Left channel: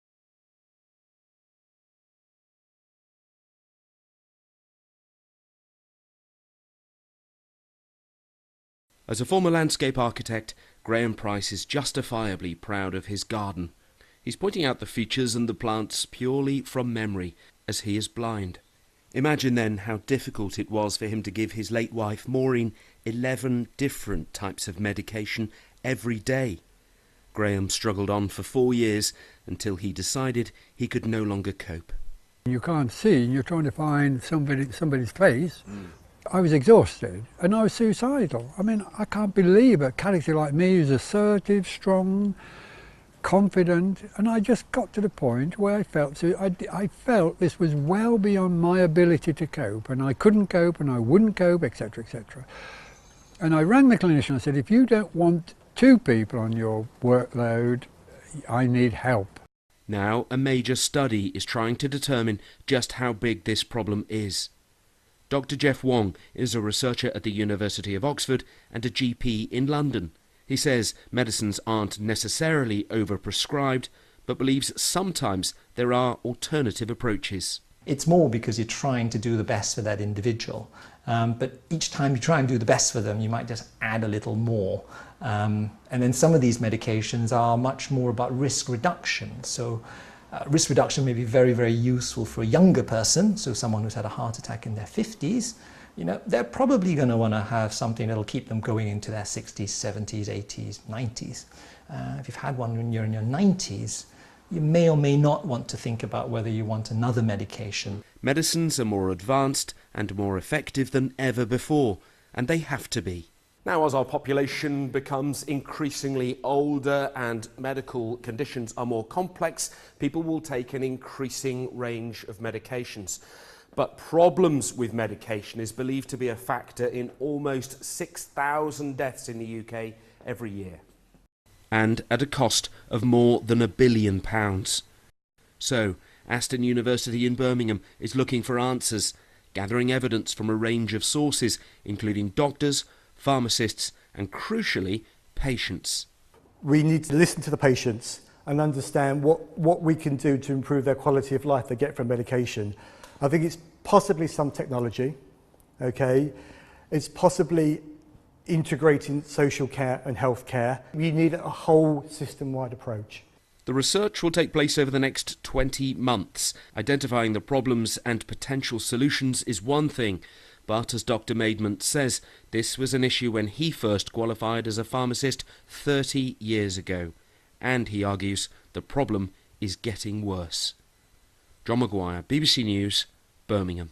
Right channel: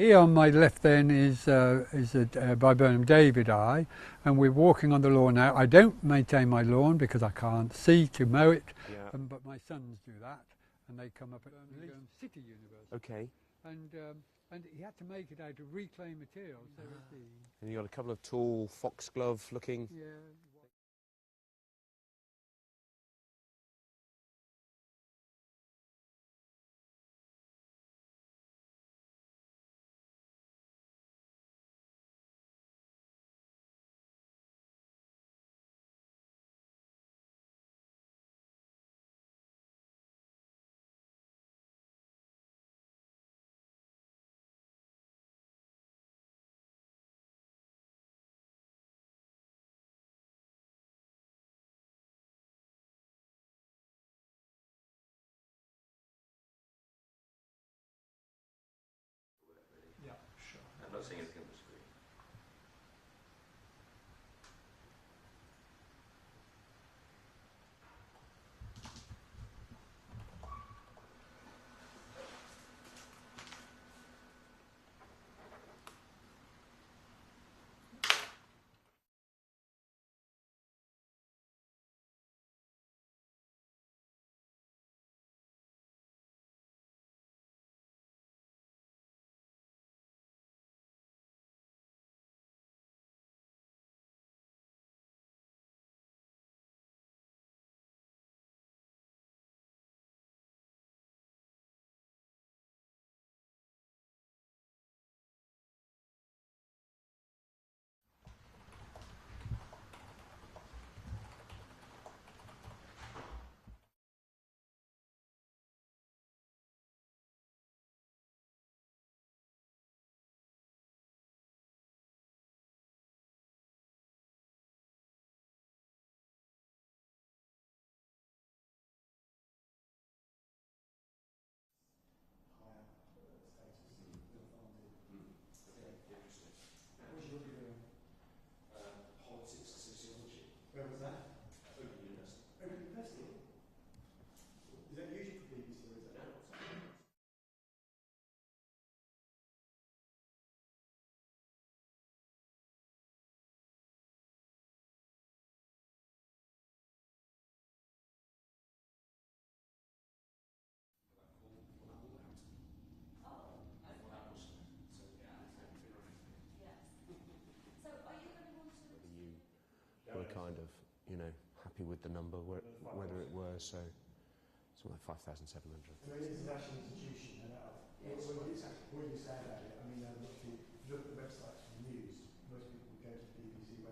Here on my left then is Viburnum Davidii, and we're walking on the lawn now. I don't maintain my lawn because I can't see to mow it. As a former landscape architect, Graham Price is justifiably proud of his garden. He's pointing out the features and the plants purely from memory, as he is blind. Imagine then how difficult it was for him to give his late wife Maureen 11 different types of medication every day. Graham struggled on for 4 years until he decided he could no longer cope. You can't see and you're trying to find somebody's face. I was exhausted and I was suicidal. I mean, I can't believe a character like me who's assertive, strong, confident, and I just got to the point where I felt this was well beyond my ability to cope, and I couldn't cope and I wouldn't cope, etc., etc. And I rang the clinician. I said, if you don't want 2 people on your workload, I need help. Now a major study is trying to determine just how big this problem is. Dr. Jeff Wong is a researcher at the University of Oxford and a GP in London. He says medicines aren't necessarily overprescribed, but believes sometimes there are alternative approaches. It's more because you're trying to do the best for that individual. But each time you try and do the best for them, you might just add a little more. And then some of these medications are much more about risk reduction. So risk reduction may be very, very useful for a younger person, so someone who's had a heart attack in their 50s. You know, they're probably going to want to have something that'll keep them going into their 60s, 70s, 80s, 90s. If you've had one when you're in your 90s, you may or may not want to think about whether you want another medication. Medicines are more advanced and more effective than ever before, and they have to be. Now, as our population becomes increasingly older and medical conditions are more complex, people will take an increasing range of medications. But problems with medication is believed to be a factor in almost 6,000 deaths in the UK every year. And at a cost of more than £1 billion. So, Aston University in Birmingham is looking for answers, gathering evidence from a range of sources, including doctors, pharmacists and, crucially, patients. We need to listen to the patients and understand what we can do to improve their quality of life they get from medication. I think it's possibly some technology, okay? It's possibly integrating social care and health care. We need a whole system-wide approach. The research will take place over the next 20 months. Identifying the problems and potential solutions is one thing, but as Dr. Maidment says, this was an issue when he first qualified as a pharmacist 30 years ago. And he argues the problem is getting worse. John Maguire, BBC News, Birmingham.